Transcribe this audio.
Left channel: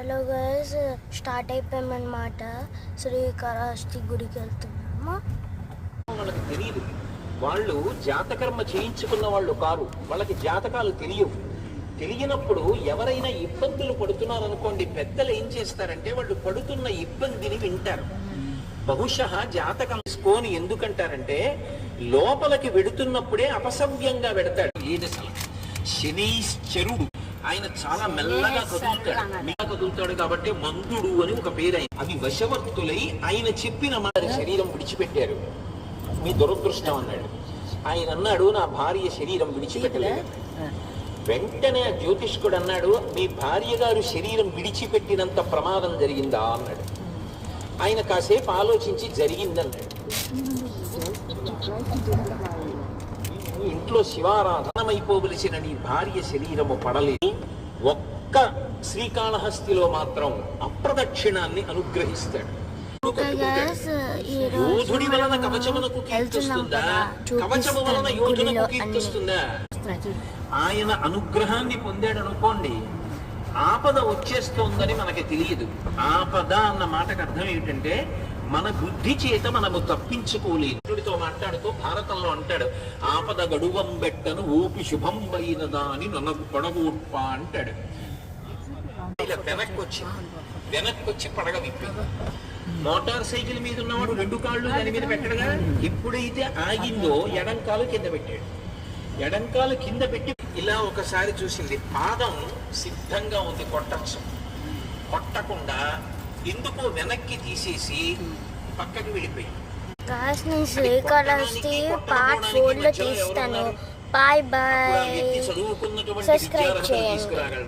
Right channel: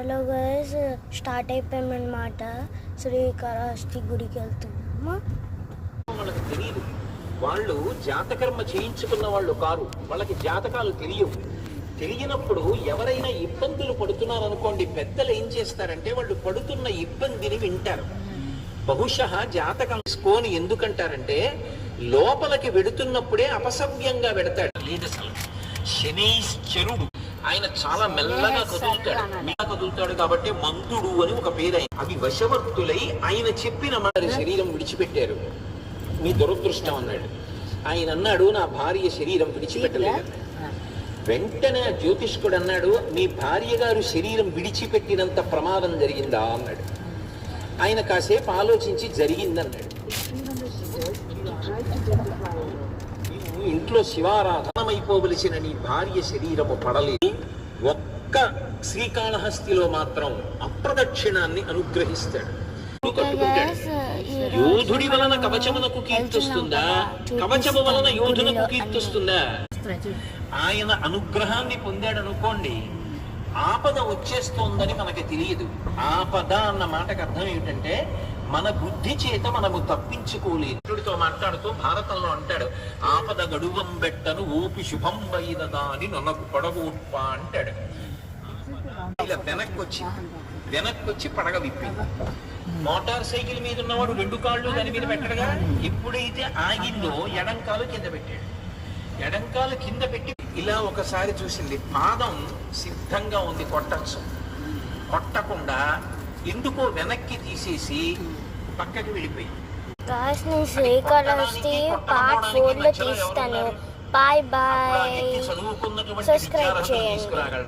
Hello guys, start అయిపోయామన్నమాట. శ్రీకాళహస్తి గుడికి వెళ్తున్నాము. వాళ్ళకి తెలియదు, వాళ్ళు జాతకర్మ చేయించుకున్న వాళ్ళు కారు, వాళ్ళకి జాతకాలు తెలియవు. తెలియనప్పుడు ఎవరైనా ఇబ్బందులు పడుతున్నారు అనుకోండి, పెద్దలు ఏం చేస్తారంటే వాళ్ళు పడుతున్న ఇబ్బందిని వింటారు. బహుశः జాతకం తీసుకొని ఎందుకంటారంటే లోపలికి వెడుతున్నప్పుడే అపసవ్యంగా పెడతాడు. లేదు అసలు శనీశ్వరుడు ఆయన చాలా మెల్లగా కదులుతాడు కాబట్టి మందుడు అని ఒక పేరు. అది వశవర్తులై ఆయన చెప్పిన మన శరీరం విడిచిపెట్టారు. మీ దురదృష్టం అన్నాడు. ఆయన అన్నాడు, నా భార్య శరీరం విడిచిపెట్టలేదు. వెంటనే ఆ జ్యోతిష్కుడు అన్నాడు, మీ భార్య గారు శరీరం విడిచిపెట్టినంత ప్రమాదం జరిగిందా అన్నాడు. ఆయన కాసేపు ఆలోచించి జరిగిందన్నాడు. ఇంట్లో శివారాధనమైపోవలసిన నీ భార్య శరీరము పడలేదు. ఒక్క శ్రీకాళహస్తిలో మాత్రం అప్రదక్షిణాన్ని అనుగ్రహిస్తాడు. యోధుడి వలన కవచమునకు కీర్తిస్తుందా, కవచము వలన యోధునకు కీర్తిస్తుందా? ఆయన అనుగ్రహాన్ని పొందాడు అనుకోండి, ఆపద వచ్చేస్తోందని మనకి తెలియదు. ఆపద అన్న మాటకు అర్థం ఏమిటంటే మన బుద్ధి చేత మనము తప్పించుకోలేదు. మాట్లాడుతూ భారతంలో అంటాడు, ఆపద గడువం బెట్టను ఊపి శుభంబైనదా అని నన్నకు పడగూప్ప అంటాడు. ఇలా వెనక్కొచ్చి పడగ విప్పి, మోటార్ సైకిల్ మీద ఉన్నవాడు రెండు కాళ్ళు దాని మీద పెట్టడగా. ఎప్పుడైతే ఆగిందో ఎడంకాలు కింద పెట్టాడు. ఎడంకాలు కింద పెట్టి ఇలా ఒకసారి చూసింది, పాదం సిద్ధంగా ఉంది కొట్టచ్చు. కొట్టకుండా ఎందుకో వెనక్కి తీసేసి పక్కకి వెళ్ళిపోయి. శ్రీకాళహస్తి పార్ట్ 4 లో తీస్తాను. బాయ్ బాయ్, సబ్స్క్రైబ్ చేయండి.